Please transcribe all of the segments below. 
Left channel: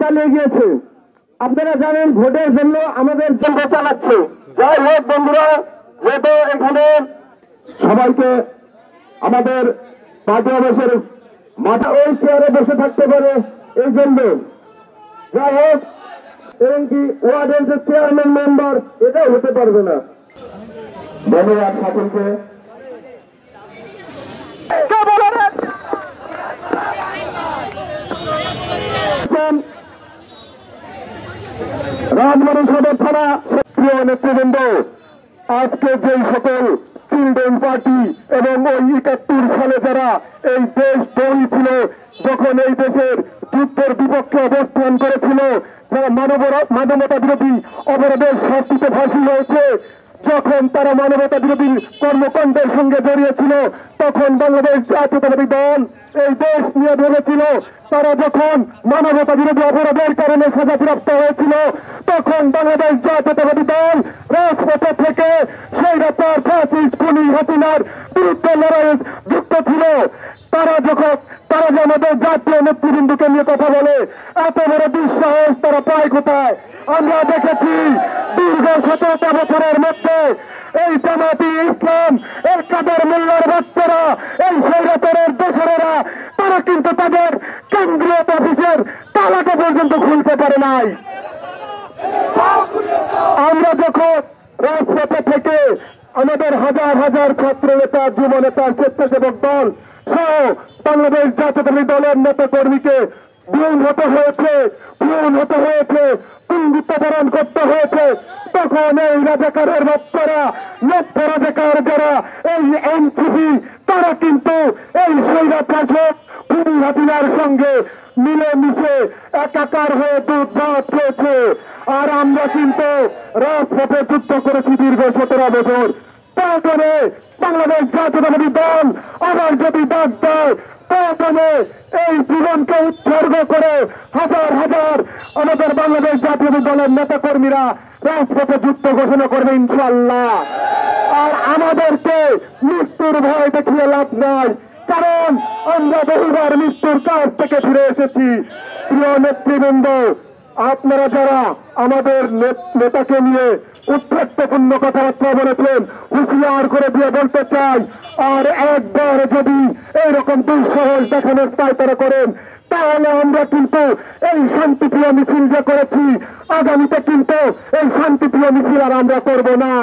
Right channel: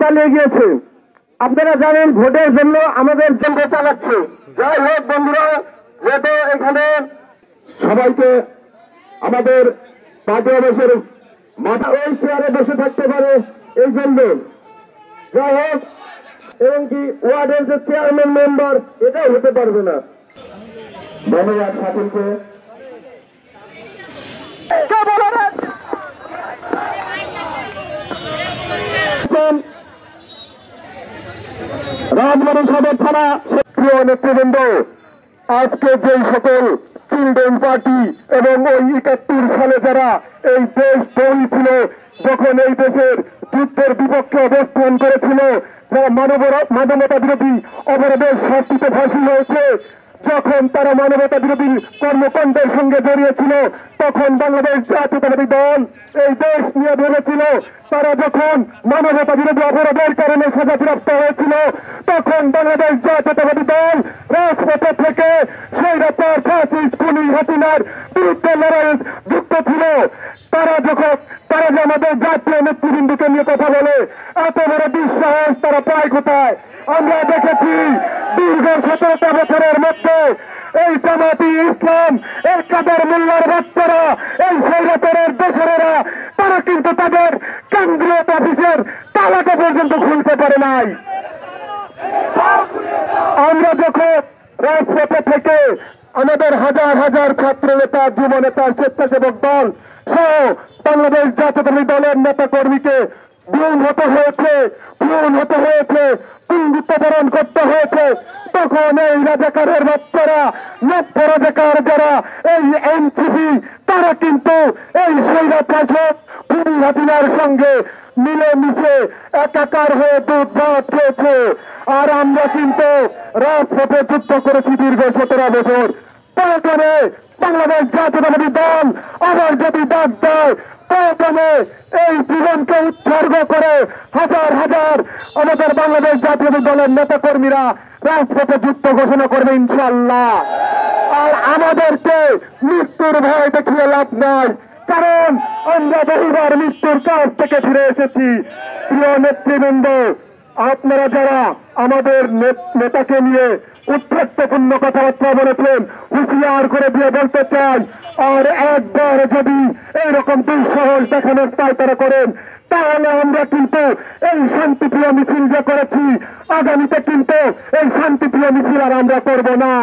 চালিয়ে গিয়েছে। আপনারা জানেন ভোটের জন্য আমাদের যন্ত্র চালাচ্ছে। যাই হোক বন্ধুরা, যেহেতু এখানে সবাইকে আমাদের পাঁচই বছর মাথা ওই চেয়ারে বসে থাকতে পারে এই জন্য, যাই হোক, এবং কি ওয়ার্ডের যে চেয়ারম্যান মেম্বার এটাও হতে পারবে না। ধন্যবাদ সকলকে। রাজবাড়ী সদর থানা সক্রিয় নেতৃবৃন্দ, আজকে যে সকল চিলড্রেন পার্টি এবং ওই ৭১ সালে যারা এই দেশ তৈরি ছিল, যখন এই দেশের যুদ্ধের বিপক্ষে অবস্থান করেছিল, যারা মানবতা বিরোধী অপরাধের শাস্তিতে ফাঁসি হয়েছে, যখন তারা মানবতা বিরোধী কর্মকাণ্ডের সঙ্গে জড়িয়েছিল, তখন বাংলাদেশ জাতীয়তাবাদী দল এই দেশ নিয়ে ভেবেছিল। তারা যখন মানবতা বিরোধী অপরাধের কারণে সাজাপ্রাপ্ত হয়েছিল, তখন বাংলাদেশ জাতীয়তাবাদী দল রাজপথে থেকে স্বৈরাচার ফ্যাসিস্ট খুনি হাসিনার বিরুদ্ধে লড়াইয়ে যুক্ত ছিল। তারা যে আমাদের জাতীয় নেতৃবৃন্দকে নিয়ে কথা বলে, এত বড় দুঃসাহস তারা পায় কোথায়? আমরা দেখেছি দীর্ঘ ১৭টা বছরের মধ্যে এই জামাতি ইসলাম, এই কাদের মোল্লার বাচ্চারা, এই স্বৈরাচারের দোসরেরা, তারা কিন্তু তাদের কেন্দ্রীয় অফিসের তালাটা পর্যন্ত খুলতে পারে নাই। আমরা যখন রাজপথে থেকে আমাদের হাজার হাজার ছাত্র নেতা, যুব নেতা, স্বেচ্ছাসেবক দল সহ বাংলাদেশ জাতীয়তাবাদী দলের নেতা কর্মীকে বিহীন হতে হয়েছে, বরণ করতে হয়েছে, তখন এই রাজাকারের বাচ্চারা, লক্ষ্য রাজাকার যারা, এই এনসিপি, তারা কিন্তু এই স্বৈরাচার খুনি হাসিনার সঙ্গে মিলেমিশে একাকার হয়ে দুধ ভাত খেয়েছে। আর আমরা কিন্তু রাজপথে যুদ্ধ করেছি দীর্ঘ ১৭ বছর। তারপরে বাংলাদেশ জাতীয়তাবাদী দল আবার যদি ডাক দেয়, তারপরে এই জীবনকে উৎসর্গ করে হাজার হাজার আমাদের বাংলাদেশ জাতীয়তাবাদী দলের নেতা কর্মীরা রাজপথে যুদ্ধ ঘোষণা করবে ইনশাআল্লাহ। আর আমাদেরকে মৃত্যুর ভয় দেখিয়ে লাভ নাই, কারণ আমরা বহুবার মৃত্যুর কাছ থেকে ফিরে এসেছি। প্রিয় নেতৃবৃন্দ, আপনারা যারা আমাদের নেতাকে নিয়ে উদ্ধত্তপূর্ণ কথাবার্তা বলেছেন, হুঁশিয়ার করে দিয়ে বলতে চাই, আর একবার যদি এইরকম দুঃসাহস দেখানোর পায়তারা করেন, তাহলে আমরা কিন্তু এই শান্তিপ্রিয় মিছিল যে করেছি, আগামীতে কিন্তু এই শান্তিপ্রিয় মিছিল আর আমরা করব না।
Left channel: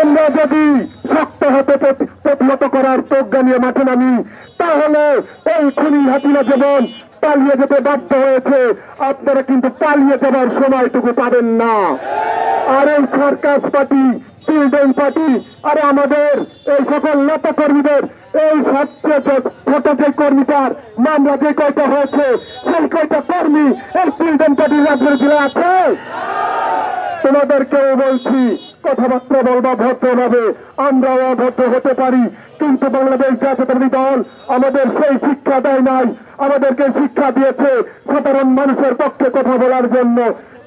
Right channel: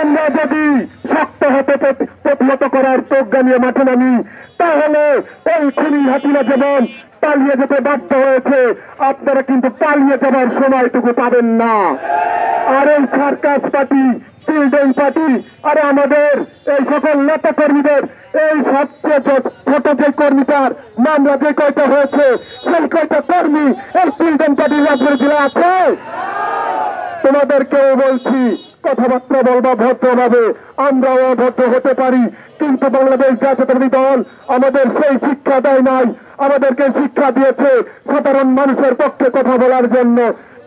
আমরা যদি শক্ত হতে প্রতিহত করার প্রজ্ঞা নিয়ে মাঠে নামি, তাহলে এই খুনি হাসিনা যেমন পালিয়ে যেতে বাধ্য হয়েছে, আপনারা কিন্তু পালিয়ে যাবার সময়টুকু পাবেন না। আর এই সার্কাস পার্টি, চিলড্রেন পার্টি, আর আমাদের এই সকল নেতা কর্মীদের এই সবচেয়ে ছোট যে কর্মীটার মামলা যে কয়টা হয়েছে, সেই কয়টা কর্মী এই চিলড্রেন পার্টির রাজ্যের জেলা আছে। তোমাদেরকেও বলছি, কথাবার্তা বলবা ভদ্রভাবে, আমরাও অভদ্র হতে পারি, কিন্তু বাংলাদেশ জাতীয়তাবাদী দল আমাদের সেই শিক্ষা দেয় নাই। আমাদেরকে শিক্ষা দিয়েছে সাধারণ মানুষের পক্ষে কথা বলার জন্য।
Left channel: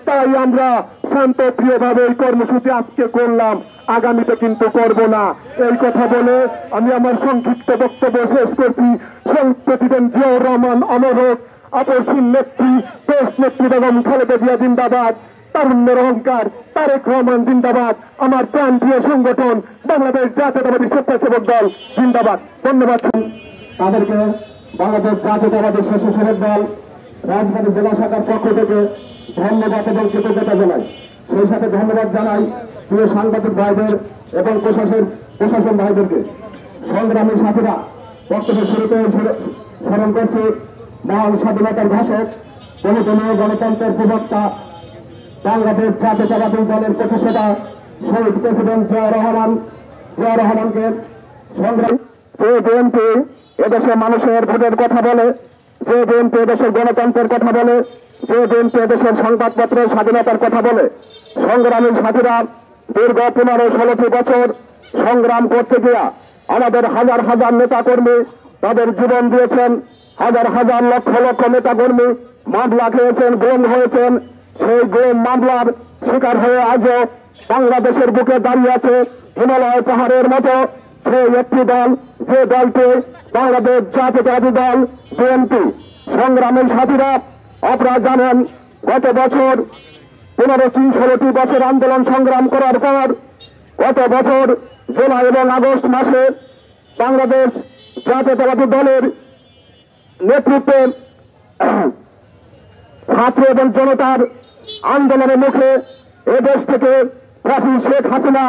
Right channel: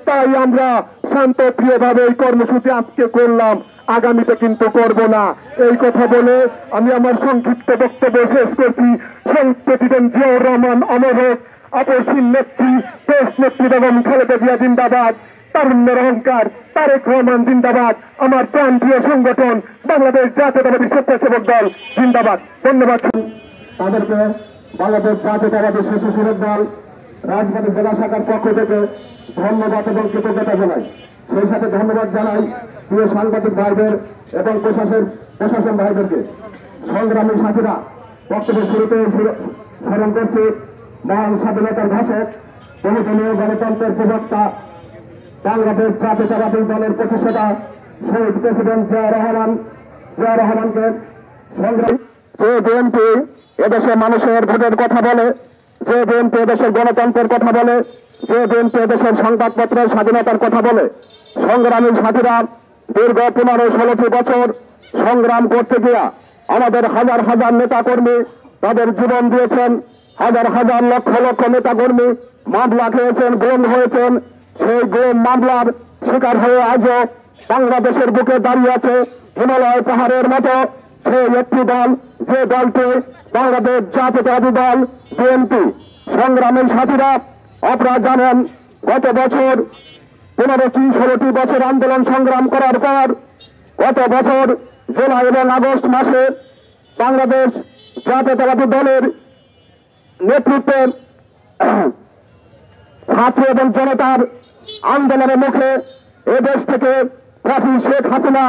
তাই আমরা শান্ত প্রিয়ভাবে এই কর্মসূচি আজকে করলাম, আগামীতে কিন্তু করব না। এই কথা বলে আমি আমার সংক্ষিপ্ত বক্তব্য শেষ করছি। প্রেসিডেন্ট জিয়াউর রহমান অমর হোক, আপসীন নেত্রী দেশ নেত্রী বেগম খালেদা জিয়া জিন্দাবাদ, তারুণ্যের অহংকার তারেক রহমান জিন্দাবাদ, আমার প্রান্তীয় সংগঠন বাংলাদেশ জাতীয়তাবাদী স্বেচ্ছাসেবক দল জিন্দাবাদ। ধন্যবাদ। তাদেরকে বাংলাদেশ জাতীয়তাবাদী স্বেচ্ছাসেবক দল রাজবাড়ী জেলা শাখার পক্ষ থেকে ধন্যবাদ এবং কৃতজ্ঞতা জানাই। সেই সাথে ধন্যবাদ জানাই প্রিয় সাংবাদিক ভাইদের এবং প্রশাসন ভাইদেরকে। সংগ্রামী সাথীরা, বক্তব্য শুরুতে স্মরণ করছে মহান স্বাধীনতার ঘোষক, বহুদলীয় গণতন্ত্রের প্রবক্তা, বাংলাদেশ জাতীয়তাবাদী দলের প্রতিষ্ঠাতা শহীদ প্রেসিডেন্ট জিয়াউর রহমানকে। সংগ্রামী যে বিএনপি এদেশের মানুষের ভোটের কথা বলে, যে বিএনপি এদেশের গণতন্ত্রের কথা বলে, যে বিএনপি এদেশের সংবাদপত্রের স্বাধীনতার কথা বলে, সংগ্রামী সাথীরা দীর্ঘ 15-16 বছর সংগ্রাম করতে গিয়া আমাদের হাজার হাজার নেতা কর্মী তাদের জীবন দিয়েছেন, হাজার হাজার লক্ষ লক্ষ নেতা কর্মী মামলা খেয়েছেন, গুম হয়েছেন। সেই গুম মামলার শিকার হয়ে আজও বাংলাদেশের বুকে দাঁড়িয়ে আছে হিমালয় পাহাড়ের মতো সেই একটি দল, যে দলটি বাংলাদেশ জাতীয়তাবাদী দল বিএনপি। সংগ্রামের সাথীরা, আপনারা জানেন গত বছর 15-16টি বছর আন্দোলন সংগ্রাম করার পর গত বছর জুলাই এবং আগস্ট মাসে বাংলাদেশ জাতীয়তাবাদী দলের নেতৃত্বে ছাত্র এবং জনতার আন্দোলনের মুখে এদেশ থেকে ফ্যাসিস্ট শেখ হাসিনা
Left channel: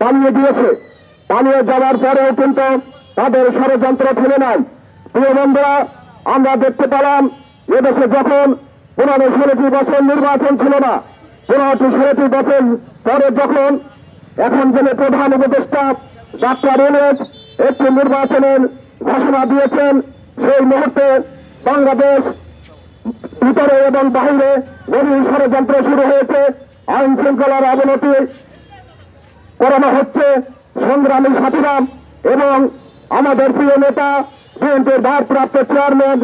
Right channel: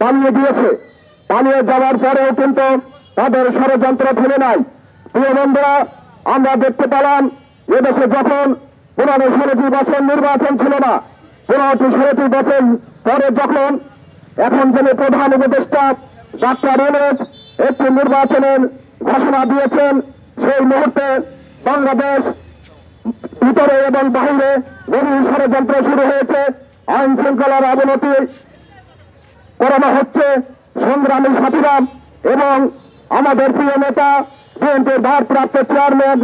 পালিয়ে দিয়েছে। পালিয়ে যাওয়ার পরেও কিন্তু তাদের ষড়যন্ত্র ফেলে নাই। প্রিয় বন্ধুরা, আমরা দেখতে পেলাম এদেশে যখন 15-16টি বছর নির্বাচন ছিল না, 15-16টি বছর পরে যখন এখন যিনি প্রধান উপদেষ্টা ডাক্তার ইউনূস একটি নির্বাচনের ঘোষণা দিয়েছেন, সেই মুহূর্তে বাংলাদেশ ভিতরে এবং বাহিরে গভীর ষড়যন্ত্র শুরু হয়েছে। আইন শৃঙ্খলার অবনতি করানো হচ্ছে। সংগ্রামী সাথীরা এবং আমাদের প্রিয় নেতা বিএনপির ভারপ্রাপ্ত চেয়ারম্যান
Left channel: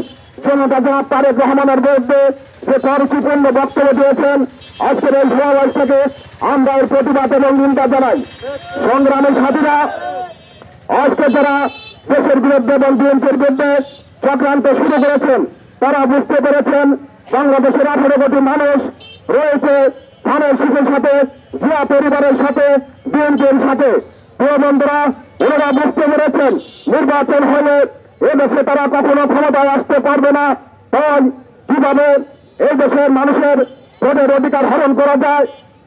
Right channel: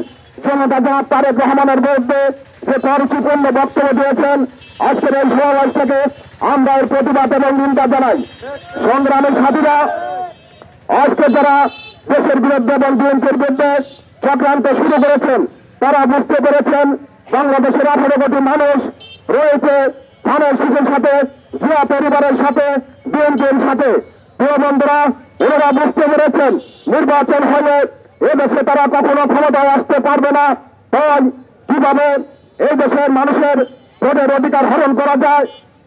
জনতা জনাব তারেক রহমানের বিরুদ্ধে যে পরিচিপূর্ণ বক্তব্য দিয়েছেন, আজকের এই সমাবেশ থেকে আমরা এর প্রতিবাদ এবং নিন্দা জানাই। সংগ্রামী সাথীরা, আজকে যারা দেশের বিরুদ্ধে এবং বিএনপির বিরুদ্ধে চক্রান্ত শুরু করেছেন, তারা বুঝতে পেরেছেন বাংলাদেশের 18 কোটি মানুষ রয়েছে ধানের শীষের সাথে, জিয়া পরিবারের সাথে, বিএনপির সাথে। প্রিয় বন্ধুরা, ওনারা বুঝতে পেরেছেন নির্বাচন হলে এদেশে তারা কখনো ক্ষমতায় আসতে পারবে না। তাই কিভাবে এই দেশের মানুষের ভোটের অধিকার হরণ করা যায়,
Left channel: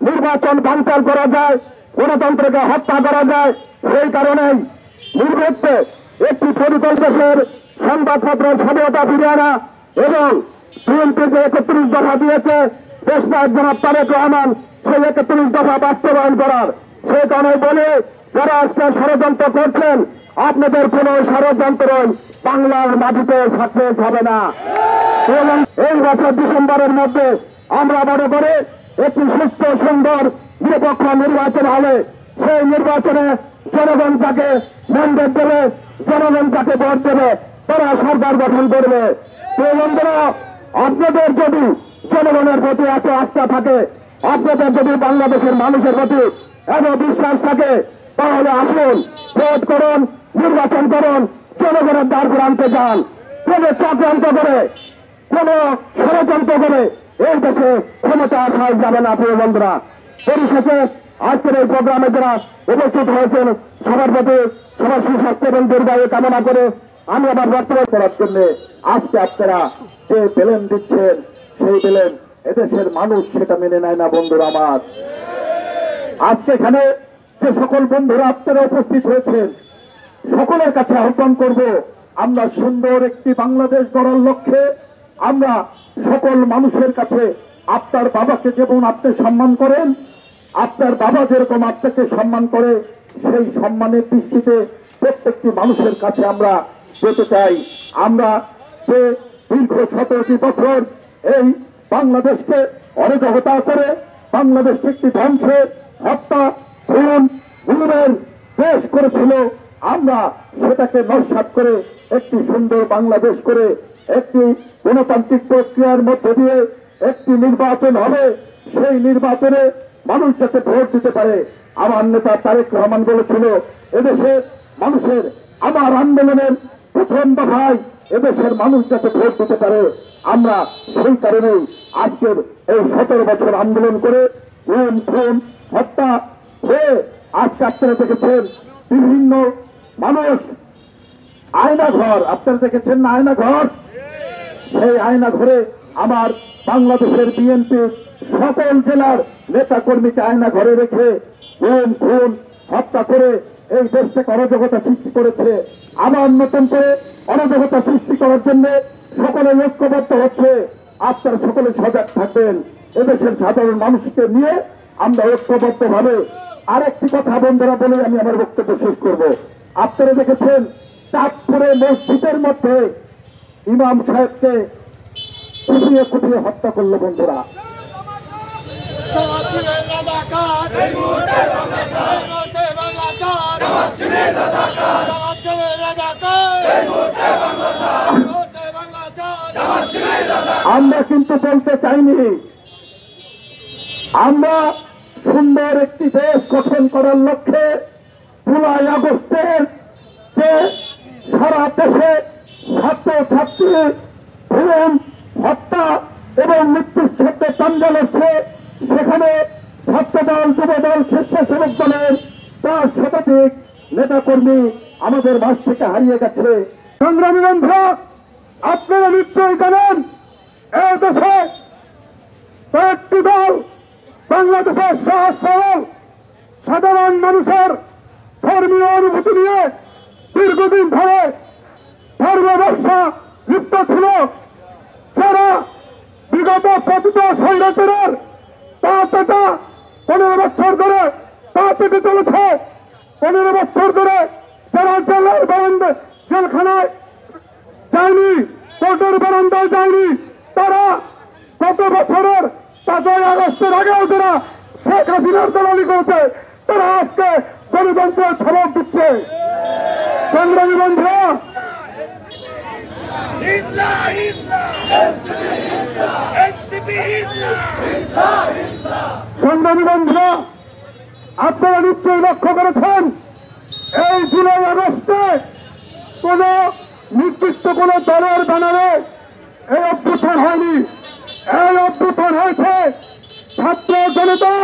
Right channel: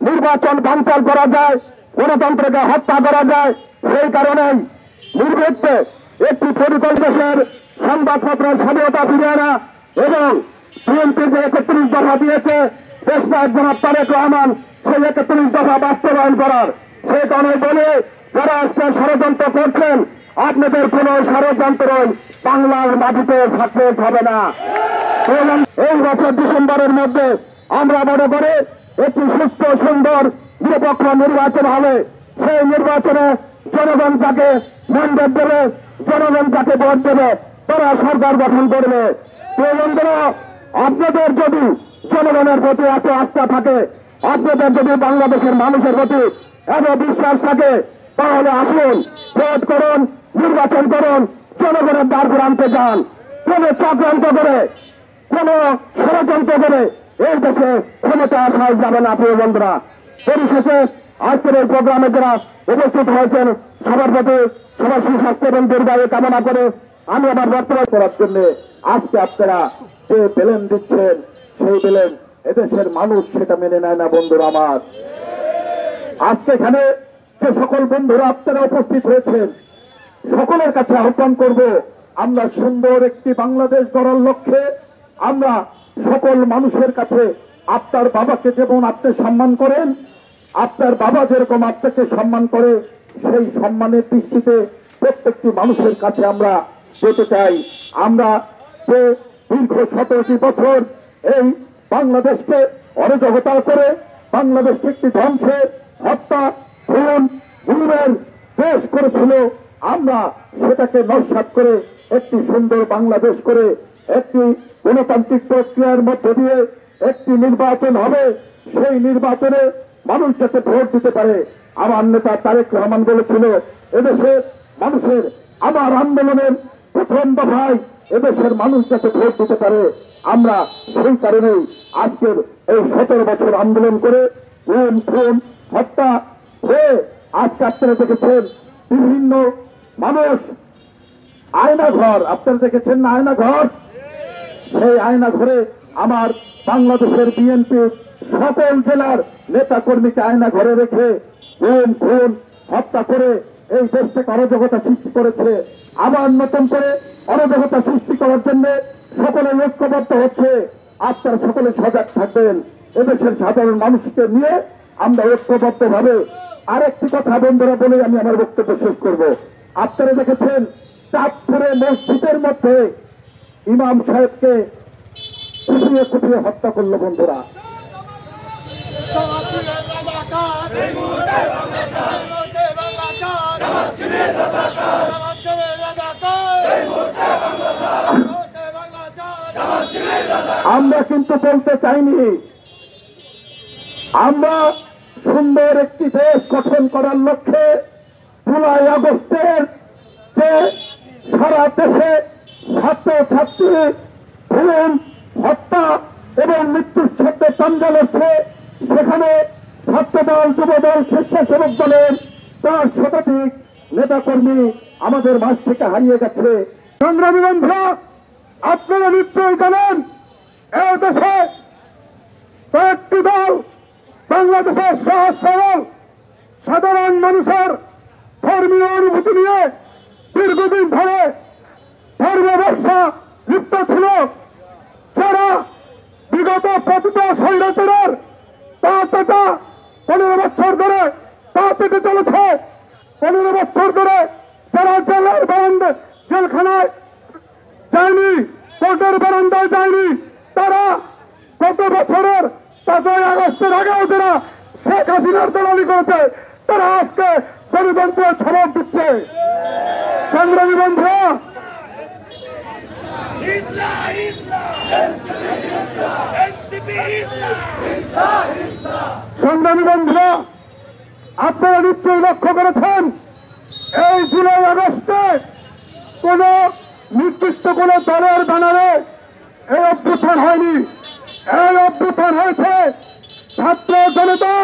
নির্বাচন বানচাল করা যায়, গণতন্ত্রকে হত্যা করা যায়, সেই কারণেই নির্বিঘ্নে একটি পরিকল্পনার সংবাদপত্রের স্বাধীনতা ফিরিয়ে আনা এবং বিএনপি যে 31 দফা দিয়েছে দেশনায়ক জনাব তারেক রহমান সেই 31 দফা বাস্তবায়ন করার, সেই কারণে বলে যারা আজকে ষড়যন্ত্র করছেন, আপনাদের কোন ষড়যন্ত্র বাংলার মাটিতে সাকসেস হবে না। এবং এই বছর ডিসেম্বরের মধ্যে আমরা মনে করি একটি সুস্থ সুন্দর নিরপেক্ষ নির্বাচন হবে। সেই নির্বাচনে জনগণ যাকে ম্যান্ডেট দেবে, জনগণ যাকে ভোট দেবে, তারা সরকার গঠন করবে। বন্ধুরা, আপনাদের যদি জনগণের প্রতি এত আস্থা থাকে, আপনাদের যদি বাংলাদেশের মানুষের প্রতি এত বিশ্বাস থাকে, তাহলে আসুন ভোট করুন, নির্বাচন করুন, জনগণের দ্বার প্রান্তে যান। কোন চক্রান্ত করে, কোন ষড়যন্ত্র করে এই দেশে ক্ষমতা আসা যাবে না। প্রিয় বন্ধুরা, পরিশেষে আজকের এই প্রোগ্রামে যারা উপস্থিত হয়েছেন সবার প্রতি সবার সুস্বাস্থ্য এবং দীর্ঘায়ু কামনা করে আমি আবার বক্তব্য করার জন্য আজকে আপনারা যে প্লেন দিচ্ছেন, সেই প্লেন এদেশের মানুষ সেটা মেনে নেয় না। বন্ধুরা আমার, আজকে এখানে যে সকল বন্ধুরা আপনারা উপস্থিত হয়েছেন, সকলের কাছে আহ্বান করব, আমরা সুন্দর একটি বাংলাদেশ গড়ার লক্ষ্যে আমরা সকল মানুষের কাছে আপনার বাবাকে যেমন আপনি সম্মান করেন, আপনার বাবা যেরকম আপনাকে সম্মান করে, সেই সম্মানের দৃষ্টিতে প্রত্যেকটি মানুষের কাছে আমরা যেতে চাই। আমরা যে দীর্ঘ 17টি বছর এই বাংলাদেশকে অরাজকতা করে বাংলাদেশকে একটি ধ্বংসে হত্যা খুন গুমের দেশ করেছিল, আমরা সেটাকে নস্যাৎ করে একটি সুন্দর বাংলাদেশ করে একটি গণতান্ত্রিক প্রক্রিয়ার মধ্যে দিয়ে একটি নির্বাচন হবে। সেই নির্বাচনে মানুষ যাতে ভোট দিতে পারে। আমার নেতা তারেক রহমান বলেছিল এদেশে মানুষের আবার আন্দোলনের প্রথম দফায় এদেশের মানুষ যাতে ভোট দিতে পারে। আমরা সেই কারণেই আজকের এই 17 বছর আন্দোলন করে খুন হত্যা হয়ে আজকে আপনারা দেখেছেন বিভিন্ন মানুষ আয়না ঘর, আপনারা দেখেছেন না আয়না ঘর, সেই আয়না ঘরে আমার বাংলাদেশের বিএনপির সকল জেলার নেতা কর্মীকে আয়না ঘরে রেখে খুন হত্যা করে এই দেশটাকে অরাজকতা সৃষ্টি করেছে। আবার নতুন করে অরাজকতা সৃষ্টি করার জন্য সকলে ঐক্যবদ্ধ হচ্ছে। আপনারা সকলে সজাগ থাকবেন। এদেশের সাধারণ মানুষকে নিয়ে আমরা ঐক্যবদ্ধ ভাবে আরেকটি কথা বন্ধুরা বলে আমি আমার বক্তব্য শেষ করব। আপনারা দেখেছেন চাঁদপুরে মসজিদের মধ্যে ইমাম সাহেবকে কুপিয়ে কুপিয়ে হত্যা করলো। বন্ধুরা, আমরা কিন্তু বলতে চাইনি আমরা সুন্দর একটি দেশ গঠন করার লক্ষ্যে 15 আগস্টের যে সারা দেশে ছাত্র ছাত্রী খুন হত্যা এবং মৃত্যুর সাথে প্রাঞ্জল হচ্ছে, সেখানে ছাত্রদল, যুবদল, স্বেচ্ছাসেবক দলের 4 শতাধিক নেতাকর্মী আমাদের মাঝ থেকে হারিয়ে গেছে। সংগ্রামী বন্ধু, আপনারা নিশ্চয়ই জানেন এই দেশে কয়েকটি দল বাংলাদেশের সহজ সরল সাধারণ মানুষের ধর্মীয় অনুভূতি নিয়ে দীর্ঘদিন ধরে ধর্ম ব্যবসা লিপ্ত ছিল, যারা বিগত পতিত স্বৈরাচারের পা চাটা 15 বছর ধরে পা চেটে চলেছে। 15 বছর ধরে যারা জেলের জেলখানায় যায়নি, কোর্টের বারান্দায় যায়নি, তারা গত বছরের 5ই আগস্টের আগেও যারা শেখ হাসিনার দালালি করেছে, তারা আজকে গণতন্ত্রের ছবক দিচ্ছে। সংগ্রামী বন্ধুরা, সংগ্রামী বন্ধুরা, আপনারা নিশ্চয়ই লক্ষ্য করেছেন এই জুলাই আগস্টে কোন নির্দিষ্ট কোন দলের ব্যানারে এই অভ্যুত্থান হয়নি। এই অভ্যুত্থান হয়েছে ছাত্র জনতা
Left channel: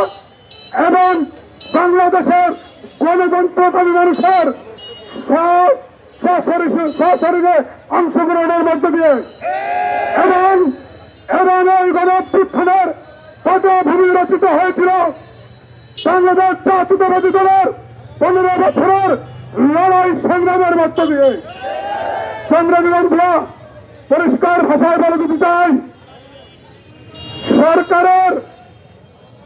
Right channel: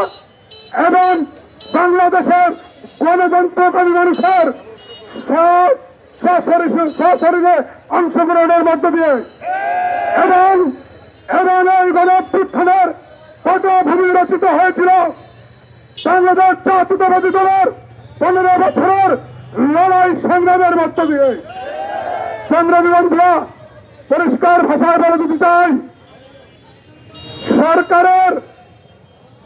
এবং বাংলাদেশের গণতন্ত্রকামী মানুষের সশরীরে অংশগ্রহণের মধ্য দিয়ে এবং এই গণ অভ্যুত্থানের পটভূমি রচিত হয়েছিল বাংলাদেশ জাতীয়তাবাদী দলের 15 বছরের লড়াই সংগ্রামের মধ্য দিয়ে। সংগ্রামী বন্ধুরা, পরিষ্কার ভাষায় বলে দিতে চাই, সরকারের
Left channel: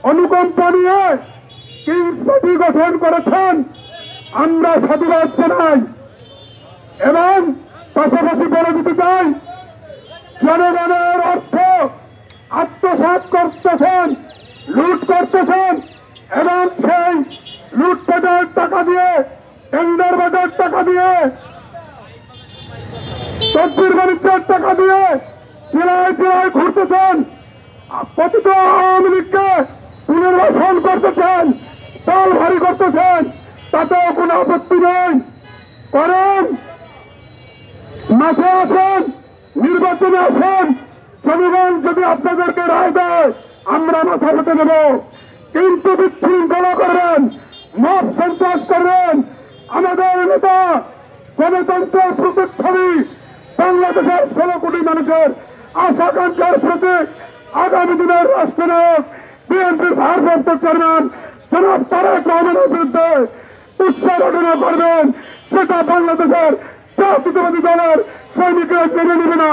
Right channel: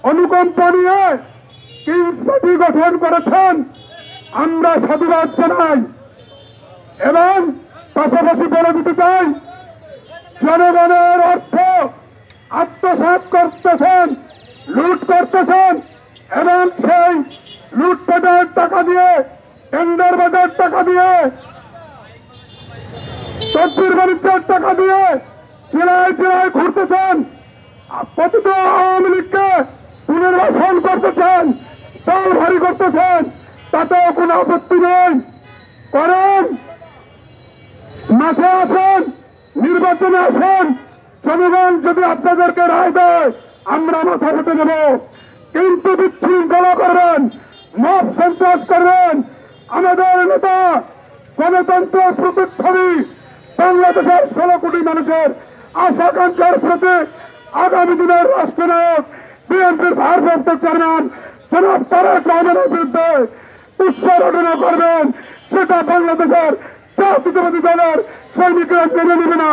অনুকম্পা নিয়ে কিংস পার্টি গঠন করেছেন, আমরা সাধুবাদ জানাই এবং পাশাপাশি বলে দিতে চাই, জনগণের অর্থ আত্মসাৎ করতেছেন, লুট করতেছেন এবং সেই লুটপাটের টাকা দিয়ে, টেন্ডার বাজার টাকা দিয়ে, তদবির বাণিজ্যের টাকা দিয়ে জেলায় জেলায় ঘুরতেছেন, পতিত আওয়ামী লীগকে পুনর্বাসন করতেছেন, দল ভারী করতেছেন, তাতেও কোনো আপত্তি নেই। করেন, মাঠে আসেন, নির্বাচনে আসেন, জনগণ যদি আপনাদেরকে রায় দেয় আমরা মাথা পেতে দেব। কিন্তু বিশৃঙ্খলা করবেন, মব সন্ত্রাস করবেন, আমাদের নেতা গণতন্ত্রের প্রতিচ্ছবি, বাংলাদেশের 16 কোটি মানুষের আশাকাঙ্ক্ষার প্রতীক, আগামী দিনের রাষ্ট্রনায়ক বিএনপির ভারপ্রাপ্ত চেয়ারম্যান জনাব তারেক রহমানের বিরুদ্ধে উৎসারণা করবেন, সেটা বাংলাদেশের জাতীয়তাবাদী দলের সৈনিকরা মেনে নেবে না।